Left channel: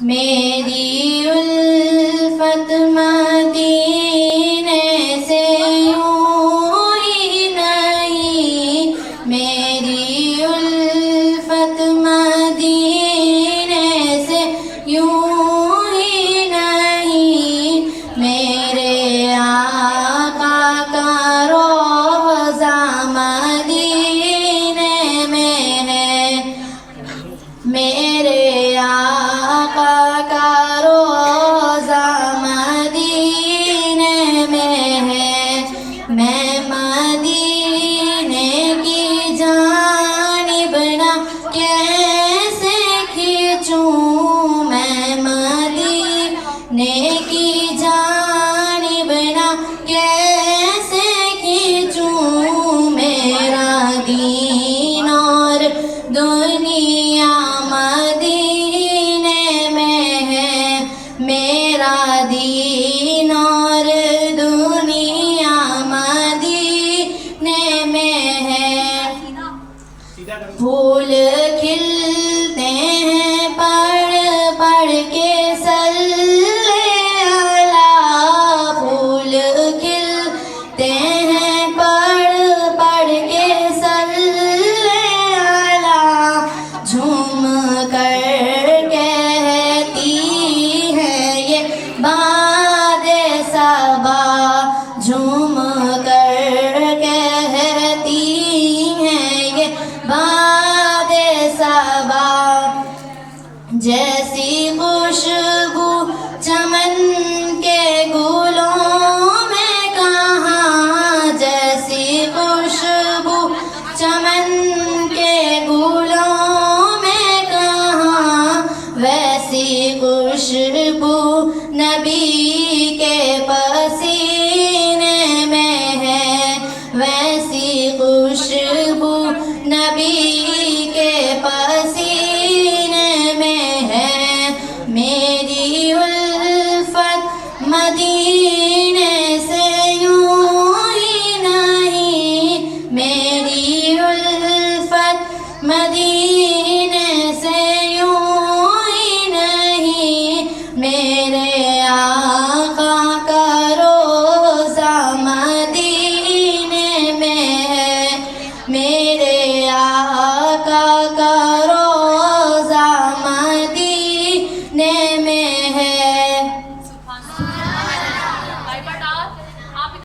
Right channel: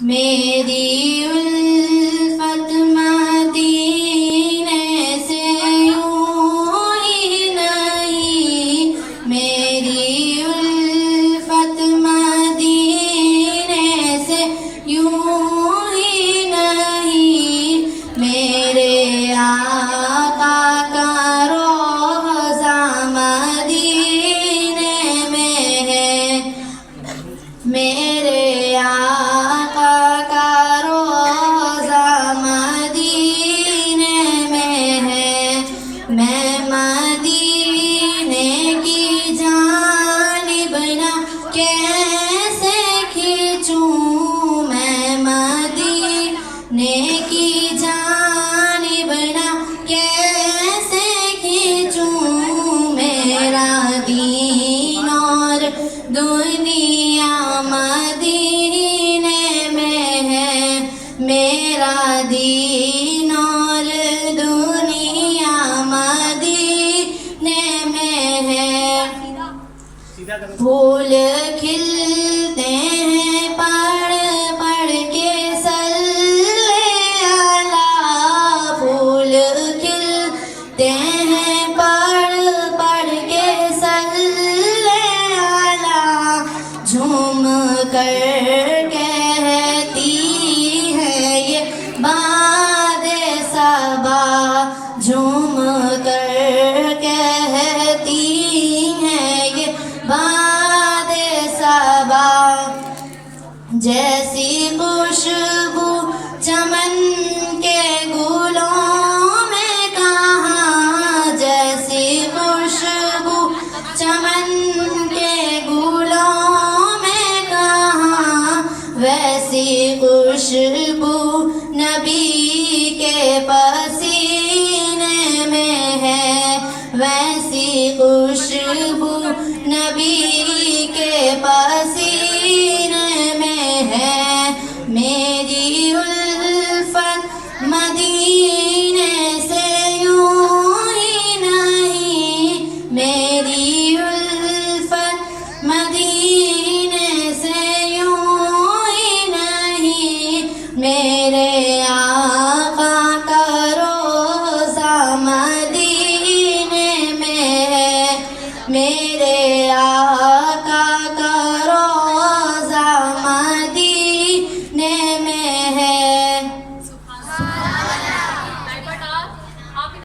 میری الفت مدینے سے یوں ہی نہیں، میری الفت مدینے سے یوں ہی نہیں، میرے آقا کا روضہ مدینے میں ہے، میرے آقا کا روضہ مدینے میں ہے، میں مدینے کی جانب نہ کیسے کھینچوں، میں مدینے کی جانب نہ کیسے کھینچوں، میرا دین اور دنیا مدینے میں ہے، میرا دین اور دنیا مدینے میں ہے، پھول کھلتے ہیں پڑھ پڑھ کے صلی اللہ، پھول کھلتے ہیں پڑھ پڑھ کے صلی اللہ، جھوم کر کہتی ہے یہ باد صبا، جھوم کر کہتی ہے یہ باد صبا، جیسی خوشبو چمن کے گلوں میں کہاں، جیسی خوشبو چمن کے گلوں میں کہاں، ویسی خوشبو نبی کے پسینے میں ہے، ویسی خوشبو نبی کے پسینے میں ہے، میری الفت مدینے سے یوں ہی نہیں، میری الفت مدینے سے یوں ہی نہیں، میرے آقا کا روضہ مدینے میں ہے،